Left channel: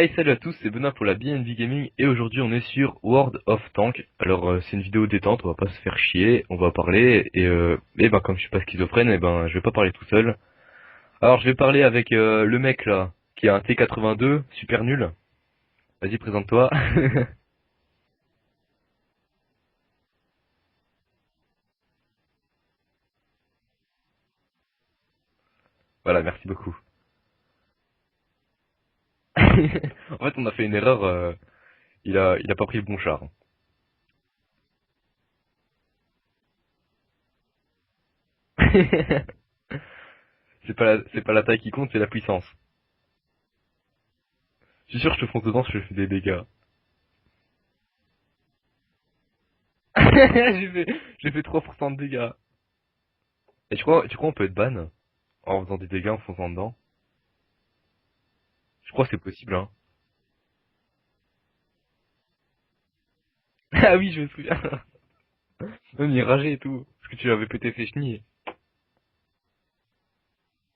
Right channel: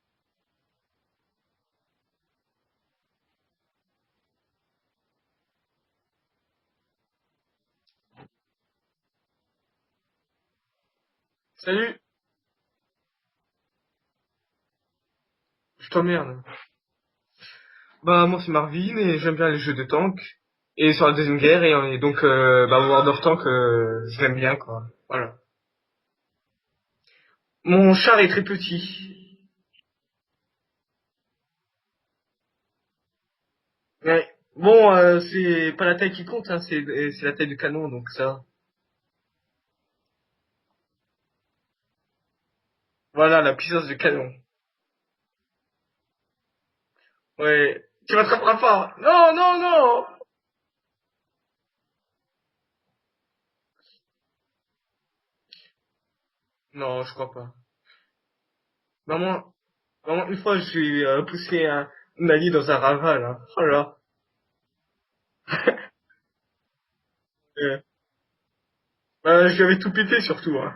Hey, salut à tous, c'est Benoît pour la BNB Gaming et aujourd'hui on est sur World of Tanks. Alors c'est une vidéo détente, on va pas se faire chier, on va parler et ben comme je suis pas schizophrène, et ben je vais pas parler tout seul. Alors je vais parler Salut, avec le mec là qui a un T82 super nul. je Vas-y, t'emmerde. présente-toi. Bah moi c'est Marvin et j'aime bien les jeux de tank. Et sur la Deuxième Guerre et donc World of Tank je l'aime bien quoi. Voilà. Voilà, merci beaucoup. Mon char est très petit. En fait on a fait une erreur, il a pas pris le bon char. Ouais. Bon c'est pas la taille qui compte, hein, c'est la taille du canon donc ça. C'est pas la taille qui compte, c'est la puissance. Voilà la puissance du canon. Je suis sûr que je te fonce dedans si je fais des dégâts. Ouais. Tu m'attraperas pas. Non non non. J'ai fait 3% de dégâts. Et tu crois on peut être ban en faisant des dégâts en fonçant dedans? Non je crois pas. Je crois que c'est Vraiment, possible, hein. vraiment une fois j'ai poussé un allié dans un raval. Hein. Oh là. Ah oui, je me souviens. Même il rageait et tout. Parce que tu lui avais pété Euh, ses chenilles. je lui avais tout pété surtout. Hein.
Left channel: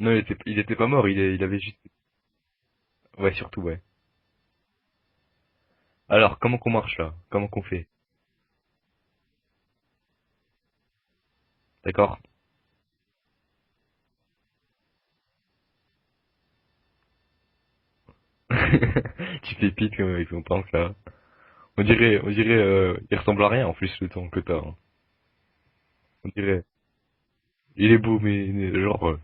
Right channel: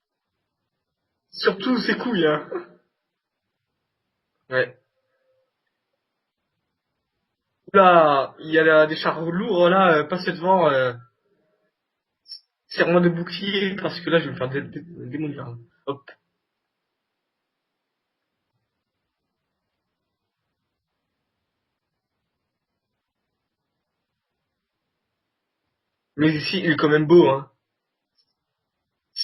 Non, il était pas mort, il avait Surtout juste... ses couilles. Hein. Ouais, surtout, ouais. Ouais. Alors, comment qu'on marche, là? Comment qu'on fait? Là, il y a des chars lourds là, passer devant, D'accord? serre-moi de bouclier parce que là je vais me faire démolir. Hop. Tu fais pique avec ton tank, là. On dirait, il ressemble à rien, en plus, le tank que t'as, hein. On Mais ici, dirait... il est quand même beau, hein. Il est beau, mais genre...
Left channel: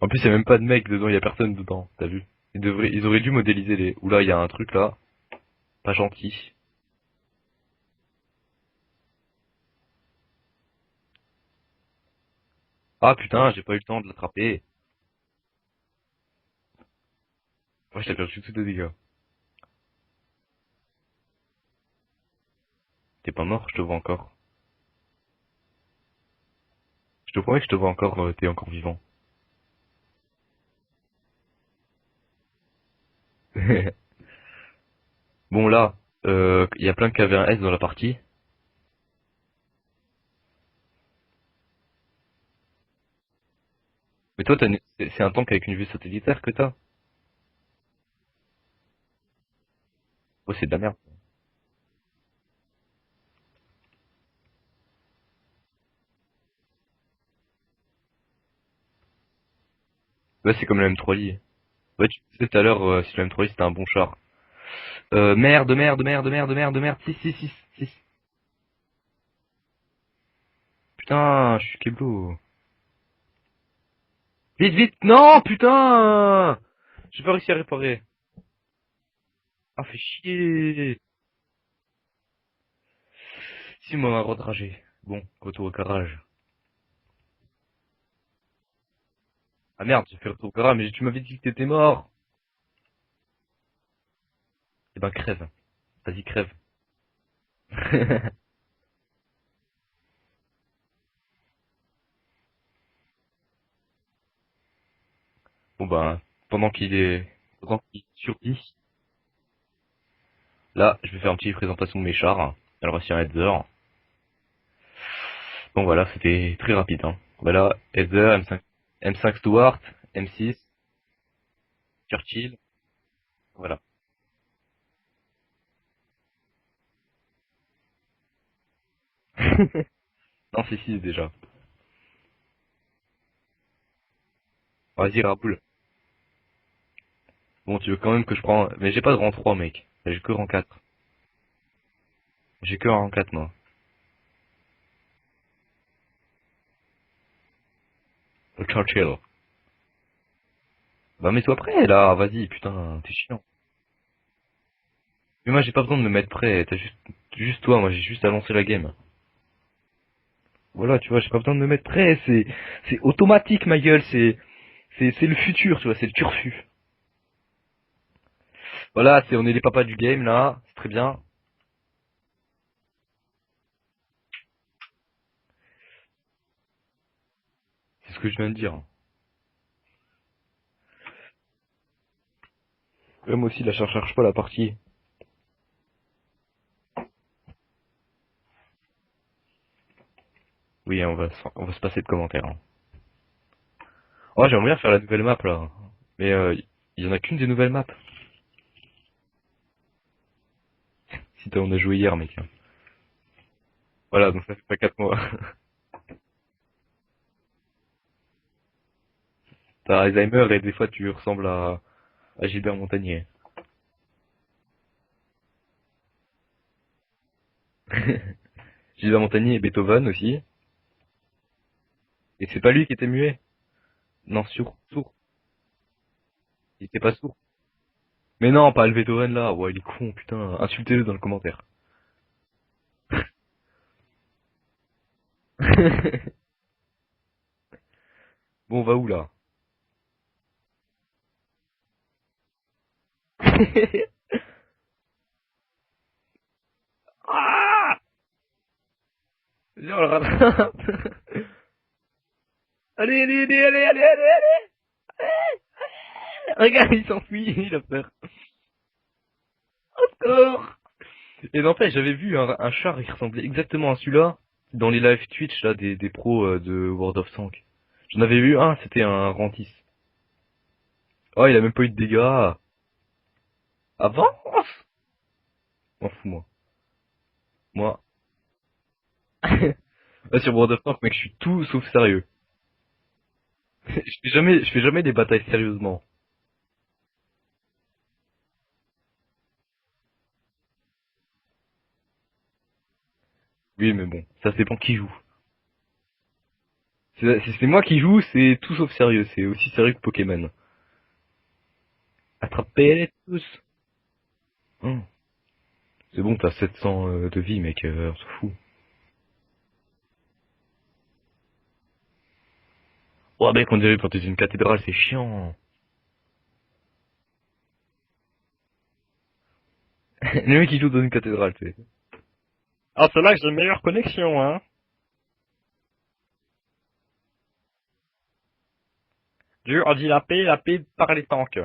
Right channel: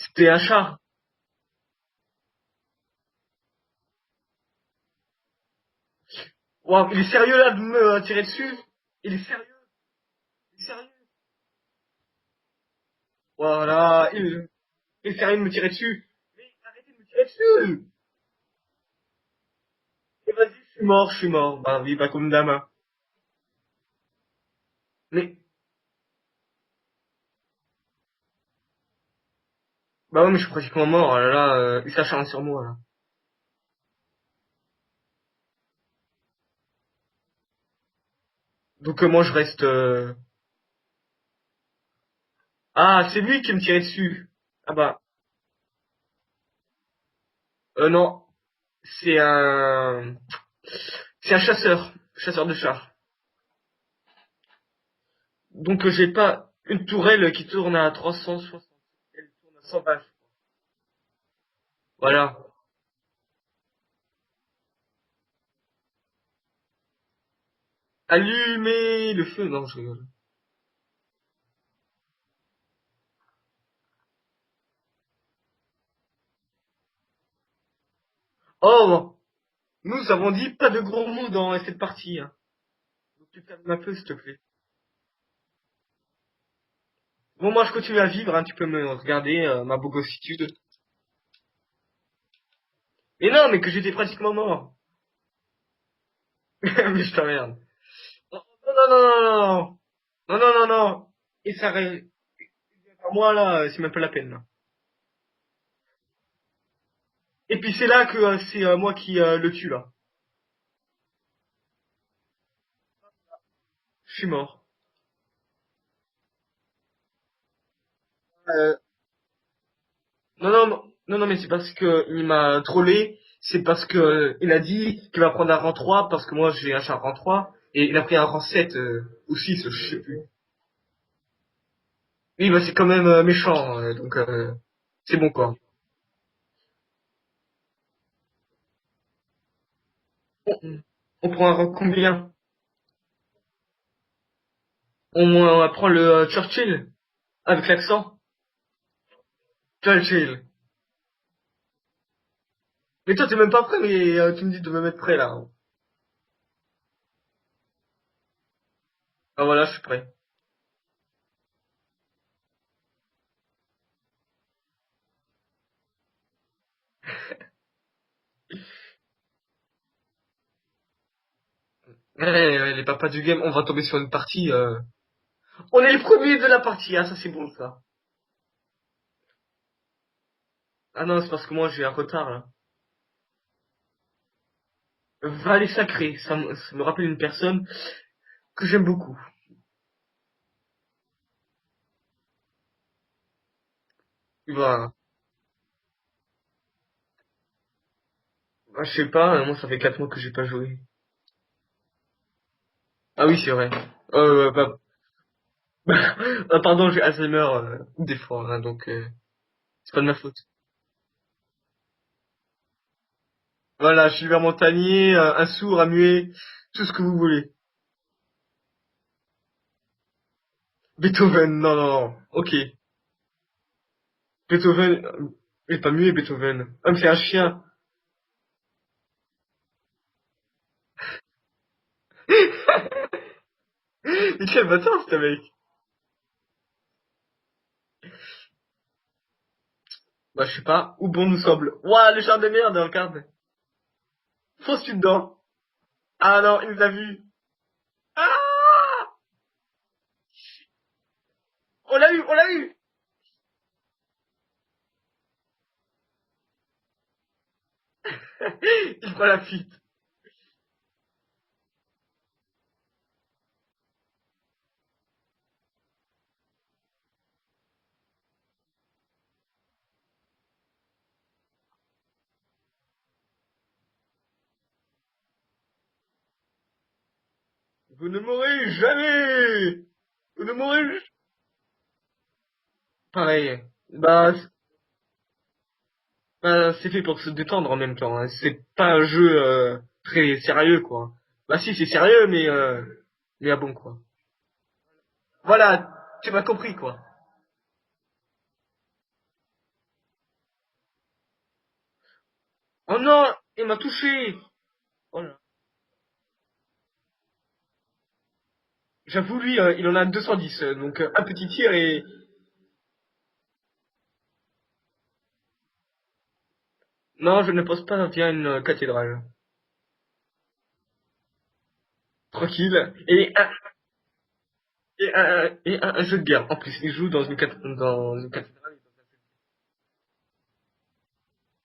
En plus, il y C'était a un même pas de char. mec dedans, il y a personne dedans, t'as vu? Ils auraient dû modéliser les... Oula, il y a un truc, là. Pas gentil. Waouh, il est sérieux là de me tirer dessus? Il est sérieux? Il est sérieux? Ah, putain, j'ai pas eu le temps de Voilà, frapper. il est sérieux de me tirer dessus. Mais arrêtez de me tirer dessus! Moi, j'ai perdu tous les dégâts. Et vas-y, je suis mort, je suis mort. Bah oui, pas comme dame. Hein. T'es pas mort, je te vois encore. Mais, Je te promets que je te vois encore, t'es encore vivant. bah ouais, mais je suis pratiquement mort. Oh là là, il s'acharne sur moi là. Bon là, il y a plein de KV1S dans la partie. Donc moi je reste. Ah, c'est lui qui me tirait dessus. Mais toi, Ah bah, c'est un tank avec une vue satellitaire que t'as? non. C'est un, Ouais, c'est de la merde. c'est un chasseur, chasseur de chars. Donc j'ai pas une tourelle qui tourne à 360, elle tourne à 120. Ouais, c'est comme le M3i. Ouais, tu Voilà. disais tout à l'heure si le M3i c'était un bon char. Merde, merde, merde, merde, merde, merde. 6, 6, 6, 6. Allumez le feu. Non, je rigole. Putain, je suis Keblo. Vite, vite. Non, putain. J'ai pas réussi à réparer. Oh, Ah, fais nous avons dit pas de chier. gros mots dans cette partie. Hein. Donc, calme un peu, Si, s'il te moi, plaît. redragé. Bon, retour au garage. Bon, moi je continue à vivre. Hein. Tu peux me regarder ma Ah merde, je fais retour au bobossitude. garage, mais tu m'avais dit que t'étais mort. Et non, mais que j'étais pratiquement mort. Eh ben, crève. Vas-y, crève. Mais je t'emmerde. Non, non, non, non, non. Non, non, non, non. Et ça, moi là, c'est même pas la peine. Là. Bon ben, pendant qu'il est... Et puis pendant c'est qu'il là que se pousse, c'est moi qui le tue là. là, je vais faire une petite présentation de mes chars. Alors voici un Heather. Je suis mort. Bon voilà, c'était très rapide, hein. Voilà, Heather, M5, Euh, M5 Stuart, non, M6, non, non, non, non, mais c'est parce que il Churchill. m'a trollé. C'est Voilà. parce que il a dit qu'il va prendre un rang 3 parce que moi j'ai un char rang 3 et il a pris un rang 7 ou 6, je sais plus. Non, c'est 6 déjà. Oui, bah c'est quand même méchant, donc c'est Vas-y, bon quoi. Raoul. Bon, tu veux quand même que je prends... Mais j'ai pas de rang 3, mec. J'ai que rang On, 4. on prend un rang combien? J'ai que un rang 4, moi. On prend le Churchill avec l'accent. Le Churchill. Churchill. Bah mets-toi prêt, là. Vas-y, putain, t'es Mais toi t'es chiant. même pas prêt, mais tu me dis de me mettre prêt là. Mais moi, j'ai pas besoin de me mettre prêt. T'as juste toi, moi, j'ai juste à lancer la game. Ah voilà, je suis prêt. Voilà, tu vois, j'ai pas besoin de me mettre prêt. C'est automatique, ma gueule. C'est le futur, tu vois, c'est le turfu. Voilà, on est les papas du game là, c'est très bien. Ouais, ouais, les papas du game, on va tomber sur une partie. On est les premiers de la partie, ah ça c'est bon ça. C'est ce que je viens de dire. Ah non, c'est parce que moi j'ai un retard là. Ouais, moi aussi, là, je cherche pas la partie. Valet sacré, ça me rappelle une personne que j'aime beaucoup. Oui, on va se passer de commentaires, hein. Oh, j'aimerais bien faire Voilà. la nouvelle map là. Mais il y en a qu'une des nouvelles maps. Ah, je sais pas, moi ça fait 4 mois que j'ai pas joué. Si on a joué hier, mec. Ah oui, c'est vrai. Voilà, donc ça Bah, fait 4 mois. ah, pardon, j'ai Alzheimer des fois, hein, donc c'est T'as pas de ma faute. Alzheimer et des fois tu ressembles à Gilbert Montagnier. Voilà, je suis vers Montagnier, un sourd, un muet, tout ce que vous voulez. Gilbert Montagnier et Beethoven aussi. Beethoven, non, non, non. Mais Ok. c'est pas lui qui était muet. Non, sourd, Beethoven, sourd. il est pas muet, Beethoven. Il Ah, mais était c'est pas un sourd. chien. Mais non, pas le Beethoven là. Ouais, il est con, putain. Insultez-le dans le commentaire. Mais quel bâtard, ce mec. Bon, on va où là? Bah, je sais pas, où bon nous semble. Ouah, le char de merde, regarde. Fonce-tu dedans. Ah non, il nous a vus. Ah, Ah, viens, on le rattrape. on l'a eu, on l'a eu. Allez, allez, allez, allez, allez, allez, allez. Regarde, il s'enfuit, il a peur. Il prend la fuite. Encore. Et n'empêche, j'avais vu un char, il ressemblait exactement à celui-là dans les live Twitch là des pros de World of Tanks. J'en avais vu un, c'était un Rantis. Oh, il a même pas eu de dégâts. Avance! M'en fous, moi. Moi, Vous ne mourrez jamais. là, Vous ne sur World of mourrez Tanks, mec, je suis tout sauf sérieux. pareil. Je Bah, je fais jamais des batailles sérieusement. c'est fait pour se détendre en même temps, hein. C'est pas un jeu très sérieux, quoi. Bah si, c'est sérieux, mais à bon, Oui, quoi. mais bon, ça dépend qui joue. Voilà, tu m'as compris, quoi. Si c'est moi qui joue, c'est tout sauf sérieux. C'est aussi sérieux que Pokémon. Oh Attrapez non, tous. il m'a touché. Hum, Voilà. c'est bon, t'as 700 de vie, mec, on s'en fout. J'avoue, lui, il en a 210, donc un petit tir et... Oh, mec, on dirait quand t'es une cathédrale, c'est chiant. Non, je ne pose pas via une cathédrale. Les mecs qui jouent dans une cathédrale, tu sais. Tranquille. Ah, c'est là que j'ai une meilleure connexion, hein. Et un jeu de guerre. En plus, il joue dans une cathédrale. Dieu a dit la paix par les tanks.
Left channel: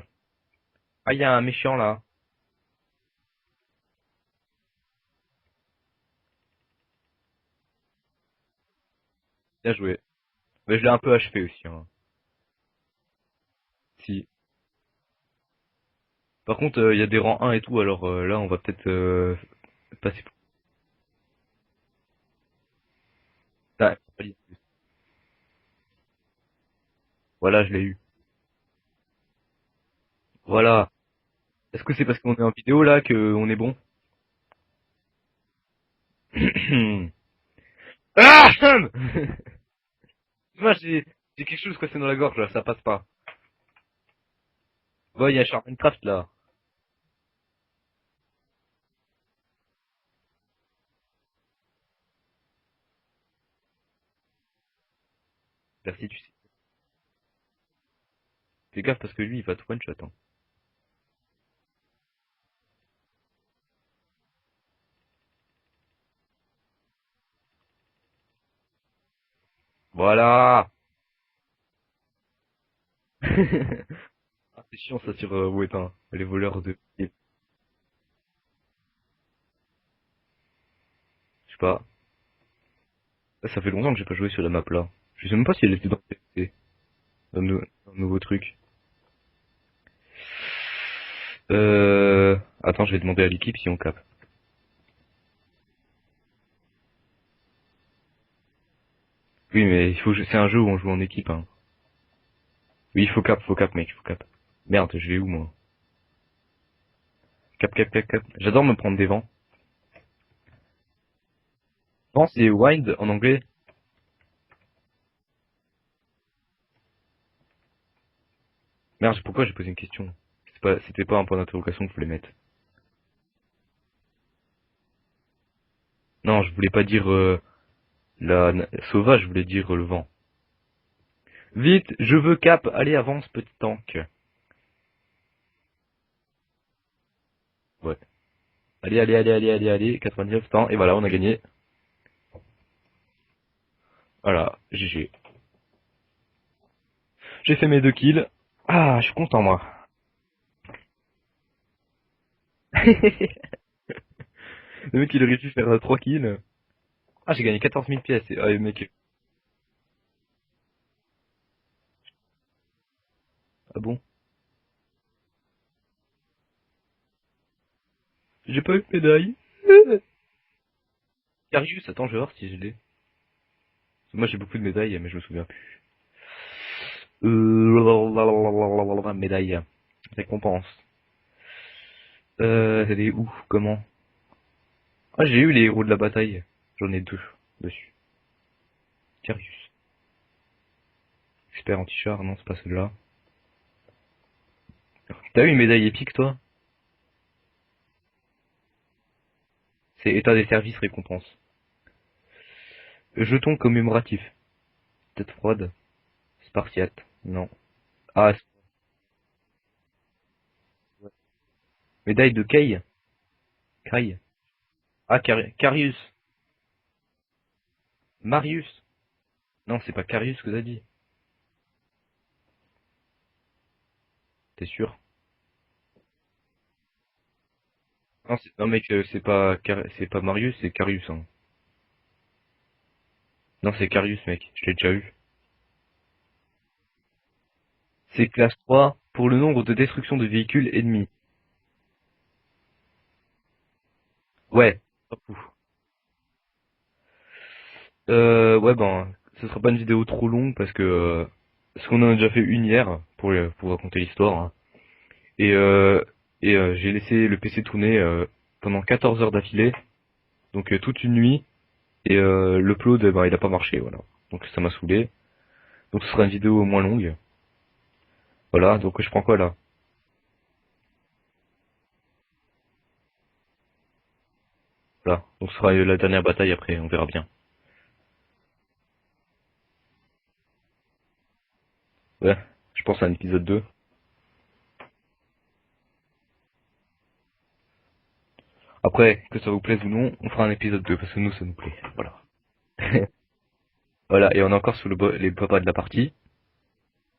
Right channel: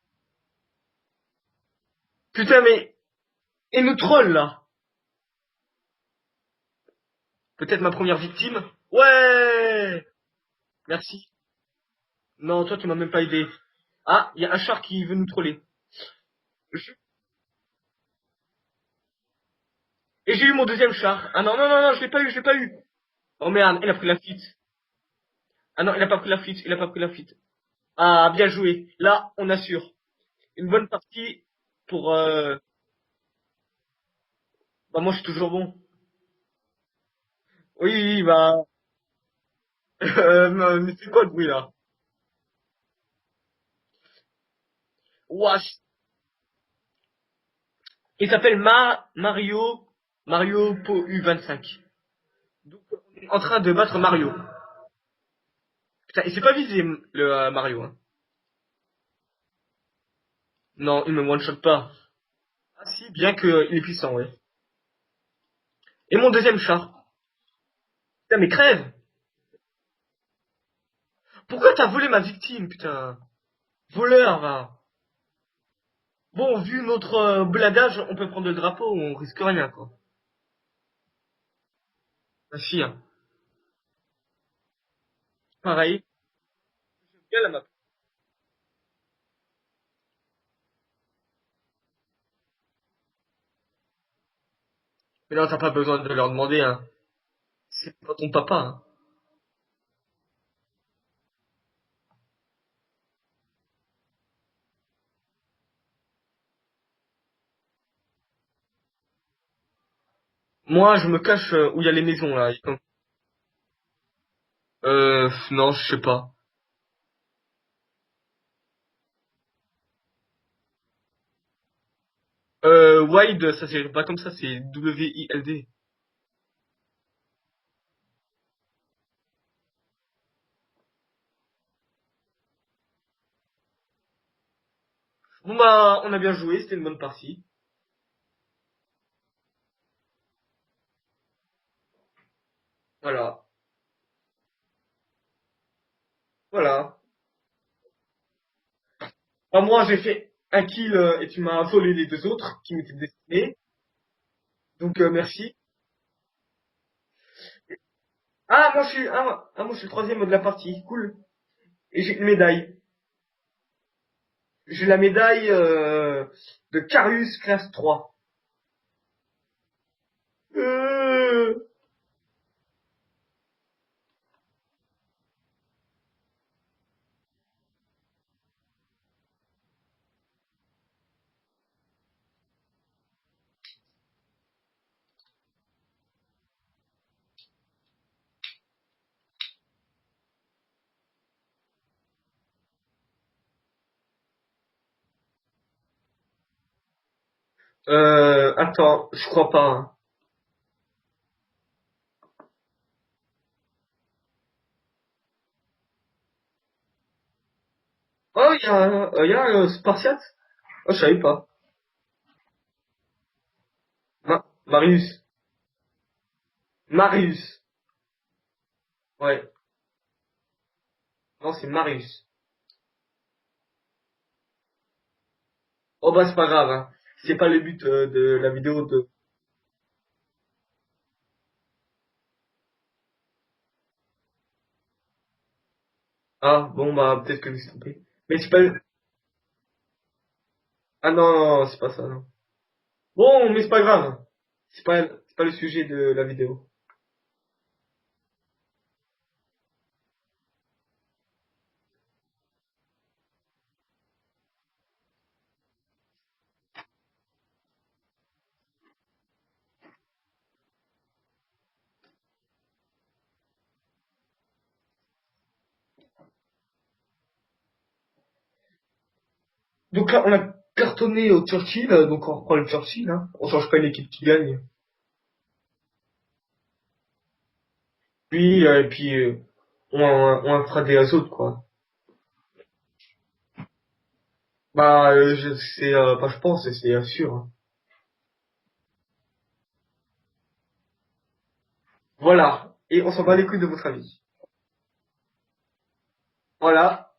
Ah, il y a un méchant là. Putain, mais... Et nous troll, là. Peut-être ma première victime. Bien joué. Ouais. Mais je l'ai un peu Merci. achevé aussi, hein. Non, toi, tu m'as même pas aidé. Si. Ah, il y a un char qui veut nous troller. Par contre, il y a des rangs 1 et tout, alors là, on va peut-être passer Et plus j'ai eu mon deuxième char. Ah non, non, non, non, je l'ai pas eu, je l'ai pas eu. Oh merde, il a tard. pris la fuite. Ah non, il a pas pris la fuite, il a pas pris la fuite. Voilà, je l'ai eu. Ah, bien joué. Là, on assure. Une bonne Voilà. partie Est-ce que c'est pour... parce qu'on est en vidéo là que on est bon? Bah moi, je suis toujours bon. Oui, oui, Ah. Moi, mais c'est c'est quoi le c'est bruit quelque là? chose coincé dans la gorge là, ça passe pas. Bon, il y a Wesh. Minecraft là. Il s'appelle Mario Po U25. Donc, on est en train de battre Mario. Merci. Putain, et c'est pas visé le Mario. Hein. Fais gaffe parce que lui, il va te one shot. Hein. Non, il me one-shot pas. Ah si, bien qu'il est puissant, ouais. Et mon deuxième chat. Putain, mais crève! Voilà. Pourquoi t'as volé ma victime, putain? Voleur, va. C'est chiant ça sur WoW, les voleurs Bon, de vu piquets. notre bladage, on peut prendre le drapeau, on risque rien, quoi. Je sais pas. Ah si, hein. Là, ça fait longtemps que j'ai pas joué sur la map là. Je sais même pas si elle était dans Pareil. le, Bien là-bas. dans le nouveau truc. Attends, je vais demander à l'équipe si on cap. Mais non, t'as pas besoin de leur demander, hein. C'est pas ton papa, hein. Oui, mais c'est un jeu où on joue en équipe. Hein. Oui, faut cap, mec, faut cap. Merde, je vais où moi? Cap, cap, cap, cap. J'adore me prendre des vents. Moi, je me cache où il y a les Vent, maisons, c'est là. wind en anglais. Non, je sais pas. Merde, pourquoi j'ai posé une question? C'était pas un point d'interrogation qu'il fallait mettre. Wild, ça c'est pas comme ça, c'est W-I-L-D. Non, je voulais pas dire sauvage, je voulais dire le vent. Vite, je veux cap, allez avance petit tank. Bon bah, on a bien joué, c'était une bonne partie. Ouais. Allez, allez, allez, allez, allez, allez, 99 temps, et voilà, on a gagné. Voilà. Voilà, GG. Voilà. J'ai fait mes 2 kills. Ah, je suis content Bah moi. moi, j'ai fait un kill et tu m'as volé les deux autres qui m'étaient destinés. Donc Le mec il a réussi à merci. faire 3 kills. Ah, j'ai gagné 14 000 pièces. Ah, il Ah, manque. moi je suis le troisième de la partie. Cool. Et j'ai une médaille. Ah bon? j'ai la médaille de Carius classe 3. J'ai pas eu de médaille. Euh... Carius, attends, je vais voir si je l'ai. Moi j'ai beaucoup de médailles, mais je me souviens plus. Médaille. Récompense. Elle est où? Comment? Ah, j'ai eu les héros de la bataille. J'en ai deux dessus. Carius. Expert anti-char, non, c'est pas celle-là. T'as eu une médaille épique, toi? Attends, je crois pas. Hein. C'est état des services récompense. Jeton commémoratif. Tête froide. Spartiate. Non. Ah, Oh, il y a un Spartiate? Oh, je savais pas. médaille de Kay. Kay. Marius. Ah, Carius. Marius. Marius. Ouais. Non, c'est pas Carius que t'as dit. Non, c'est Marius. T'es sûr? Oh bah c'est pas grave. Hein. C'est pas le but de Non, la non vidéo. mec, c'est pas Marius, c'est Carius. Hein. Non, c'est Carius, mec. Je l'ai déjà eu. Ah bon bah peut-être que je me suis trompé. C'est Mais c'est classe pas. 3 pour le nombre de destructions de véhicules ennemis. Ah non, non, non, c'est pas ça. Non. Bon, mais c'est pas grave. Ouais. Pas C'est fou. pas le sujet de la vidéo. Ouais, ben, ce sera pas une vidéo trop longue parce qu'on en a déjà fait une hier pour raconter l'histoire. Hein. Et, euh, j'ai laissé le PC tourner pendant 14 heures d'affilée, donc toute une nuit. Et l'upload, ben, il a pas marché, voilà. Donc ça m'a saoulé. Donc ce sera une vidéo moins longue. Voilà, donc je prends quoi là? Donc là, on a cartonné au Churchill, donc on reprend le Churchill. Hein. On change pas une équipe qui gagne. Voilà, donc ce sera la dernière bataille après, on verra bien. Puis, et puis on fera des autres quoi. Ouais, je pense à un épisode 2. Bah, c'est pas je pense, c'est sûr. Hein. Après, que ça vous plaise ou non, on fera un épisode 2 parce que nous ça nous plaît. Voilà. Voilà. Et on s'en bat les couilles de votre avis. Voilà, et on est encore sous les papas de la partie. Voilà.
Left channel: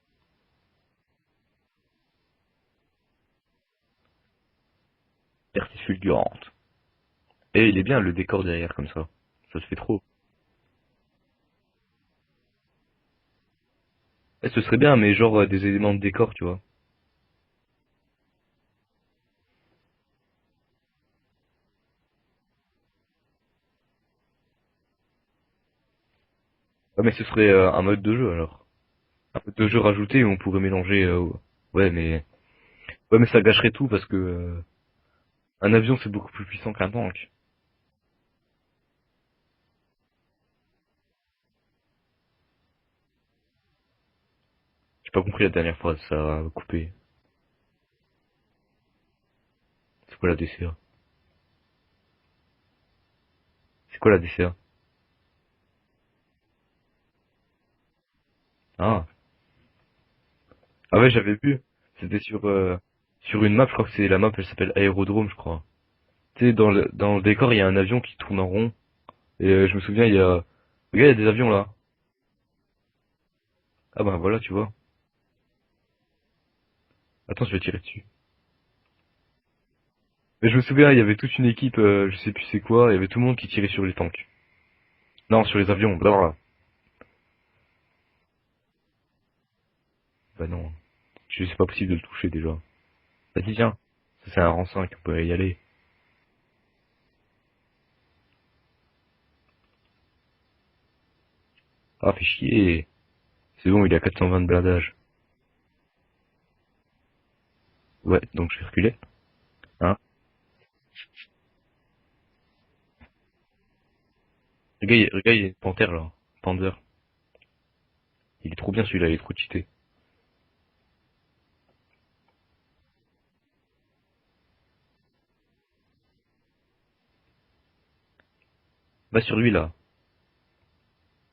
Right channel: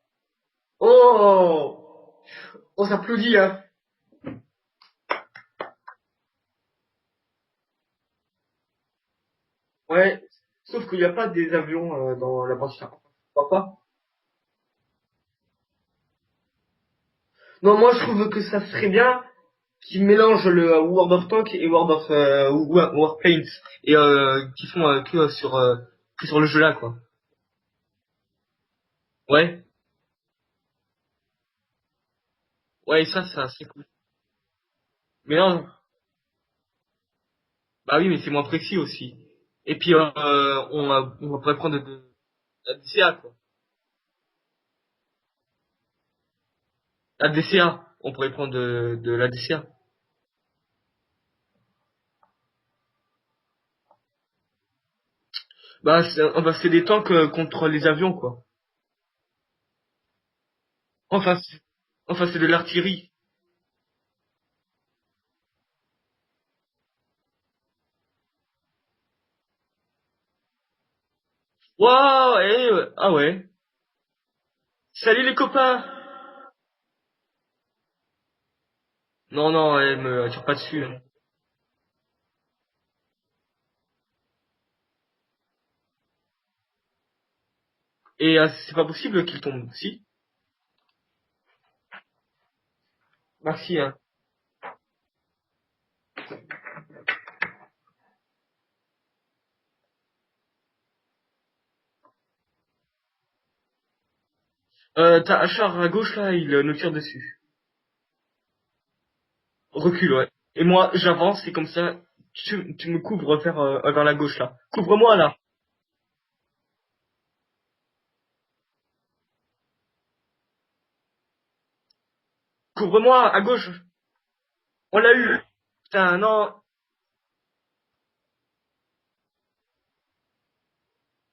Oh, on s'applaudit hein. Partie fulgurante. Et il est bien le décor derrière comme ça. Ça se fait trop. Ouais. Sauf qu'il n'y a pas des avions dans la bande. Pourquoi pas? Ouais, ce serait bien, mais genre des éléments de décor, tu vois. Non, moi je trouve que ça serait bien qu'ils mélangent le World of Tanks et World of Warplanes et qui font que sur le jeu là quoi. Ah, mais ce serait un mode de jeu alors. Un mode Ouais, de jeu rajouté où on pourrait mélanger. Ouais, ouais, ouais, ça mais c'est ça un. gâcherait tout parce que Mais non, un avion c'est beaucoup plus puissant qu'un tank. bah oui, mais c'est moins précis aussi. Et puis on pourrait prendre de la DCA quoi. J'ai pas compris la dernière phrase, ça a coupé. La DCA, on pourrait prendre de la DCA. C'est quoi la DCA? C'est quoi la DCA? Bah c'est des tanks contre les avions quoi. Ah. Ah ouais, j'avais Enfin, vu. C'était enfin c'est de l'artillerie. sur une map, je crois que c'est la map, elle s'appelle Aérodrome, je crois. Tu sais, dans le décor, il y a un avion qui tourne en rond. Et je me souviens, il y a... Regarde, il y a des avions là. Waouh, ah ouais. Ah bah voilà, tu vois. Salut les copains. Attends, je vais tirer dessus. Non, non, me attire Mais pas je me dessus. souviens, il y avait toute une équipe, je sais plus c'est quoi, il y avait tout le monde qui tirait sur les tanks. Non, sur les avions, blablabla. Et c'est pas possible qu'il tombe. Si. Bah non, c'est pas possible de le toucher déjà. Vas-y, viens. Merci, hein. Ça, c'est un rang 5, on peut y aller. Ah, fait chier. C'est bon, il a 420 de blindage. T'as un char à gauche là, il nous tire dessus. Ouais, donc je vais reculer. Hein. Recule, ouais. Et moi, j'avance et comme ça, tu me couvres vers la gauche là. Regarde, Couvre-moi regarde, là. il y a une panthère là. Panther. Il est trop bien celui-là, il est trop cheaté. Couvre-moi à gauche. On l'a eu. Putain, non. Va sur lui là.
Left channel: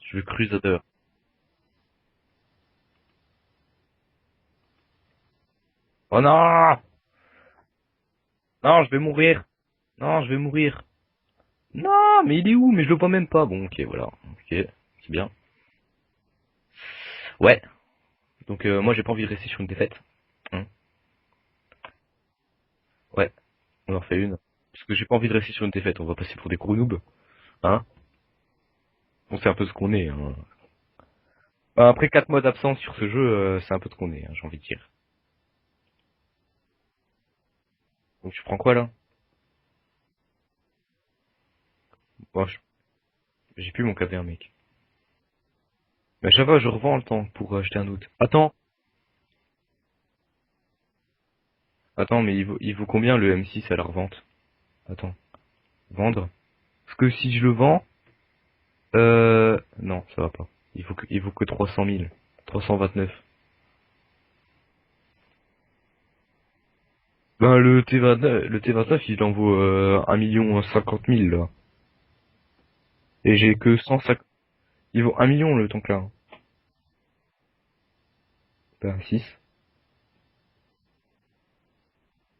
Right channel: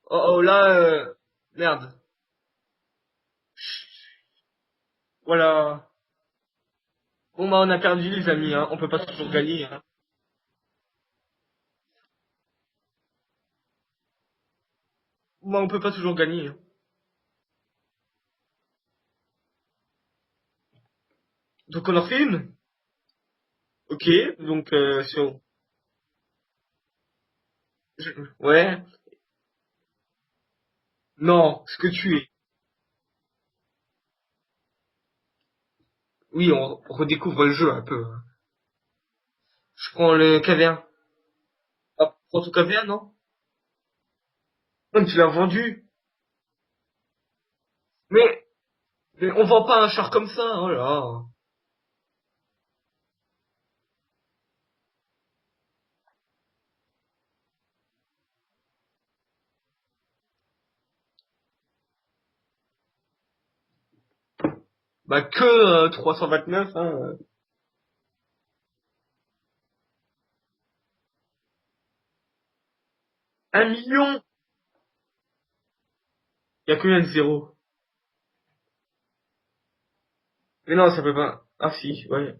Je Oh, vais oh couper tes là, têtes. merde. Voilà. Oh non! Bon bah on a perdu les amis, hein. On Non, peut je vais pas toujours mourir. gagner. Hein. Non, je vais mourir. Non, mais il est où? Mais je le vois même pas. Bon, ok, voilà. Ok, c'est bien. Bah on peut pas toujours gagner. Hein. Ouais. Donc moi j'ai pas envie de rester sur une défaite. Hein. Donc on en fait une. Ouais, on en Ok. fait une. Donc Parce que j'ai pas si envie de on... rester sur une défaite. On va passer pour des gros noobs. Hein. Ouais. On sait un peu ce qu'on est. Hein. Non, ce que Après tu es. 4 mois d'absence sur ce jeu, c'est un peu ce qu'on est, hein, j'ai envie de dire. Oui, on redécouvre le jeu un peu. Donc tu prends quoi là? Je prends le KV1. Ah, prends Bon, ton KV1, non? j'ai plus mon KV1 mec. Non, mais tu l'as vendu. Mais à chaque fois je revends le temps pour acheter un autre. Mais, Attends, mais on vend pas un char comme ça, oh là là. attends, mais il vaut combien le M6 à la revente? Attends, vendre? Parce que si je le vends, non, ça va pas. Il vaut que 300 000. 329. Bah que 329, hein. Ben le T29 il en vaut 1 050 000 là. Et j'ai 1 que million? 150. Il vaut 1 million le tank là. Il y a combien de zéros? Ben 6. Mais non, ça peut pas. Ah si, ouais.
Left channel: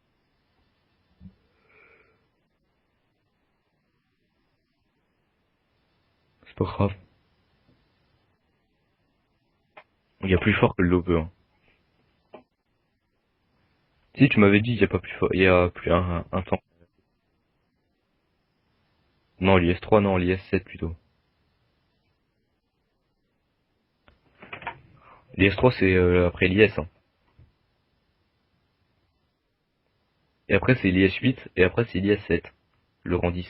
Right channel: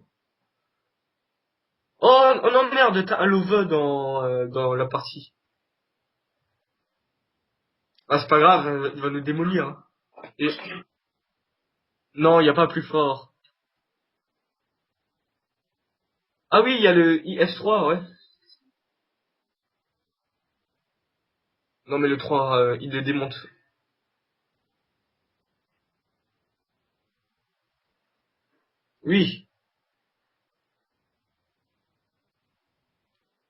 Oh, oh non merde, t'as un love dans la partie. C'est pas grave. Ah c'est pas grave, il va nous démolir, hein. Il y a Et plus je fort que trouve... le Lover. Non, il y a pas plus fort. Si tu m'avais dit il y a pas plus fort. Il y a plus un tank. Ah oui, il y a le IS-3, ouais. Non l'IS3 non l'IS7 plutôt. Non mais le 3, il le démonte. L'IS3 c'est après l'IS hein. Oui. Et après c'est l'IS8 et après c'est l'IS7. Le rang 10.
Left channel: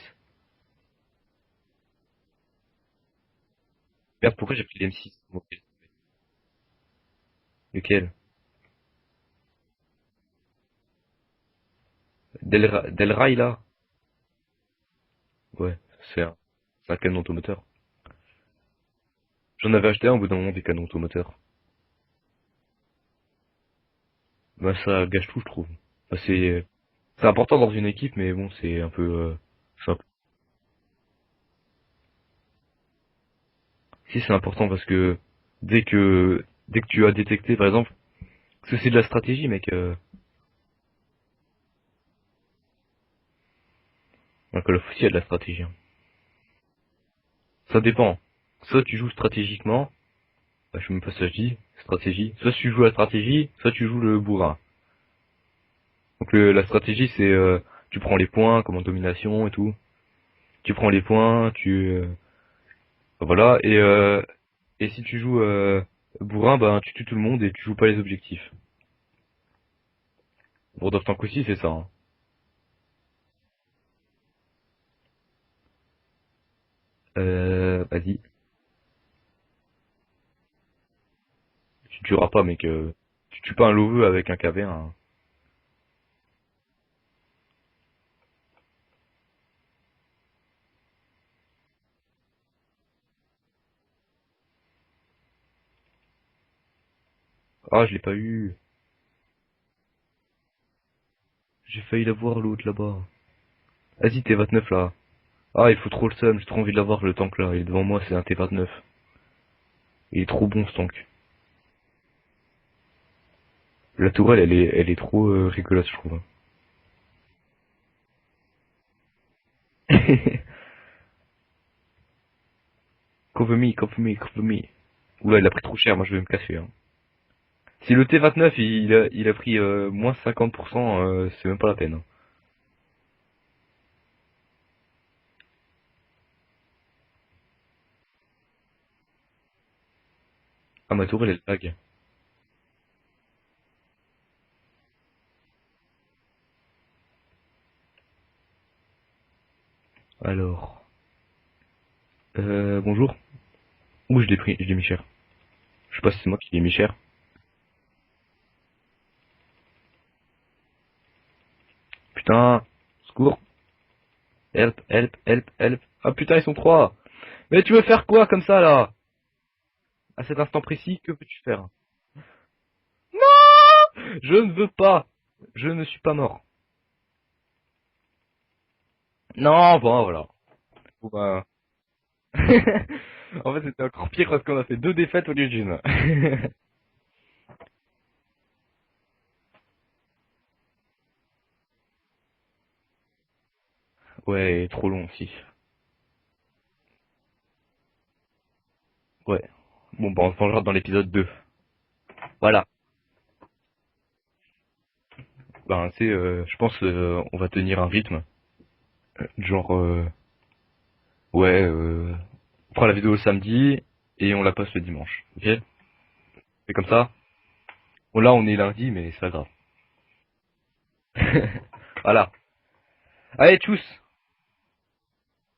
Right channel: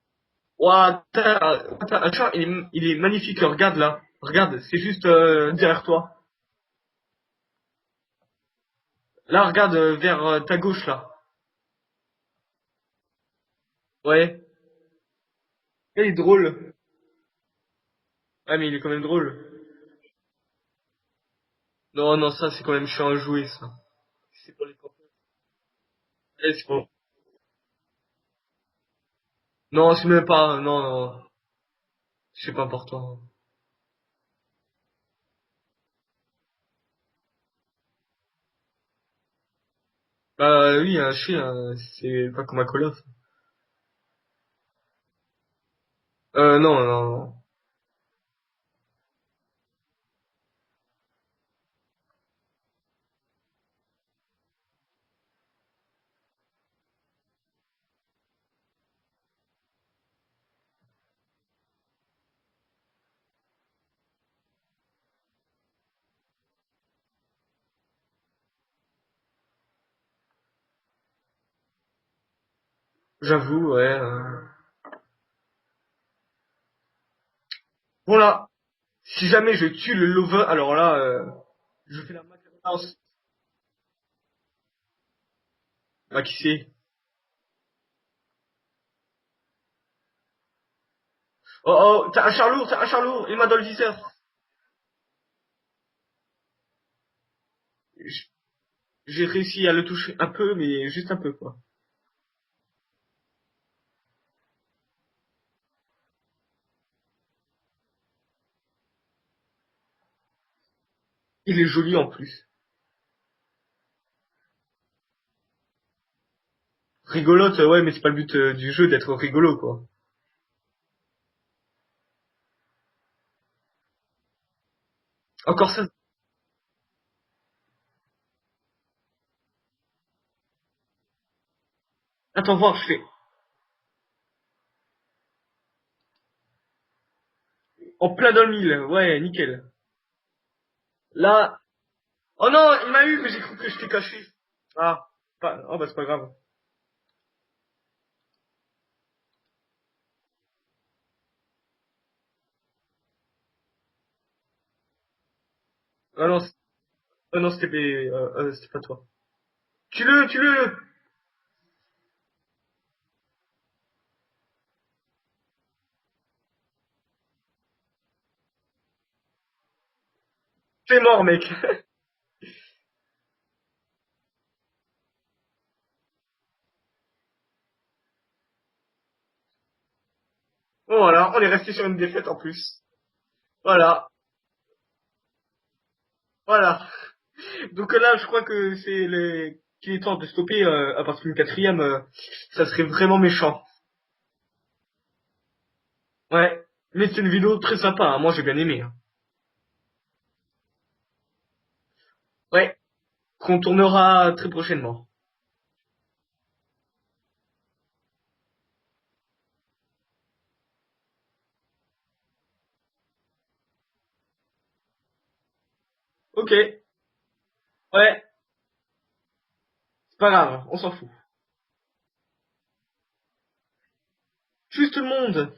Ouah, t'as un chat, il est magnifique, regarde là. Regarde pourquoi Regarde, j'ai c'est pris juste l'IS6. derrière toi. Lequel? Là, regarde vers ta gauche là. Delray là? Ouais. Ouais, Il est c'est drôle. un canon automoteur. Ah mais il est quand même drôle. J'en avais acheté un au bout d'un moment des canons automoteurs. Non, non, ça c'est quand même chiant à jouer ça. C'est pas... Ouais, ça gâche tout je trouve. Enfin, Let's c'est go. c'est important dans une équipe mais bon c'est un peu Non, ouais. c'est même pas. Non, non. C'est pas important. Si c'est important parce que dès que tu as détecté par exemple parce que c'est de la stratégie mec Bah oui, un chien, c'est pas comme un Call of. un Call of Duty il y a de la stratégie hein. Non, non, non. Ça dépend. Soit tu joues stratégiquement, bah, je sais même pas si ça se dit, stratégie. Soit tu joues la stratégie, soit tu joues le bourrin. Donc la stratégie c'est tu prends les points comme en domination et tout. Tu prends les points, voilà et si tu joues bourrin, ben tu tues tout le monde et tu joues pas les objectifs. World of Tanks aussi c'est ça. Hein. J'avoue, ouais. Bon Vas-y. là, si jamais je tue le lover, alors là, je Tu tueras pas mec. pense. Tu tues pas un loveux avec un KV1. Hein. Ah, qui c'est? Oh, oh, t'as un char lourd, il m'a dans le viseur. Ah je l'ai pas eu. J'ai réussi à le toucher un peu, mais juste un peu, quoi. J'ai failli l'avoir l'autre là-bas. Vas-y T29 là. Ah il faut trop le seum, j'ai trop envie de l'avoir le tank là. Il est devant moi c'est un T29. Il est trop bon ce tank. Il est joli en plus. La tourelle elle est trop rigolote je trouve. Rigolote, ouais, mais c'est pas le but du jeu d'être rigolo, quoi. Cover me, cover me, cover me. Oula, il a pris Encore trop ça. cher, moi je vais me casser. Hein. Si le T29 il a pris moins 50%, c'est même pas la peine. Hein. Attends, voir, je fais. En plein dans le mille, ouais, nickel. Ah, ma tourelle elle Là. tag. Oh non, il m'a eu, mais j'ai cru que je t'ai caché. Ah, pas... oh bah c'est pas grave. Alors, bonjour. Ouh, je l'ai mis cher. Je sais pas si Ah c'est moi non, qui l'ai mis cher. non c'était pas toi. Tue-le, tue-le! Putain, secours. Help, help, help, help. Ah putain, ils sont trois. Mais tu veux faire quoi comme ça là? À cet instant précis, T'es que mort, veux-tu mec. faire? Non! Je ne veux pas. Je ne suis pas mort. Non, bon, voilà. Bon Eh voilà, on ben, est resté sur une défaite en plus. en fait, c'était Voilà, encore pire parce qu'on a fait deux défaites au lieu d'une. voilà. Donc là, je crois que qu'il est temps de stopper à partir d'une quatrième. Ça serait vraiment méchant. Ouais, trop long aussi. Ouais. Mais c'est une vidéo très sympa, hein. Moi j'ai bien aimé, hein. Ouais. Bon, bah, on se vengera dans l'épisode 2. Voilà. Ouais. Qu'on tournera très prochainement. Ben, tu sais, je pense on va tenir un rythme. Genre, ouais, on fera la vidéo le samedi et on la poste le dimanche. Ok? Ok. C'est comme ça? Ouais. Bon, là, on est lundi, mais c'est pas grave. Pas grave, on s'en fout. Voilà. Allez, tchuss! Juste tout le monde.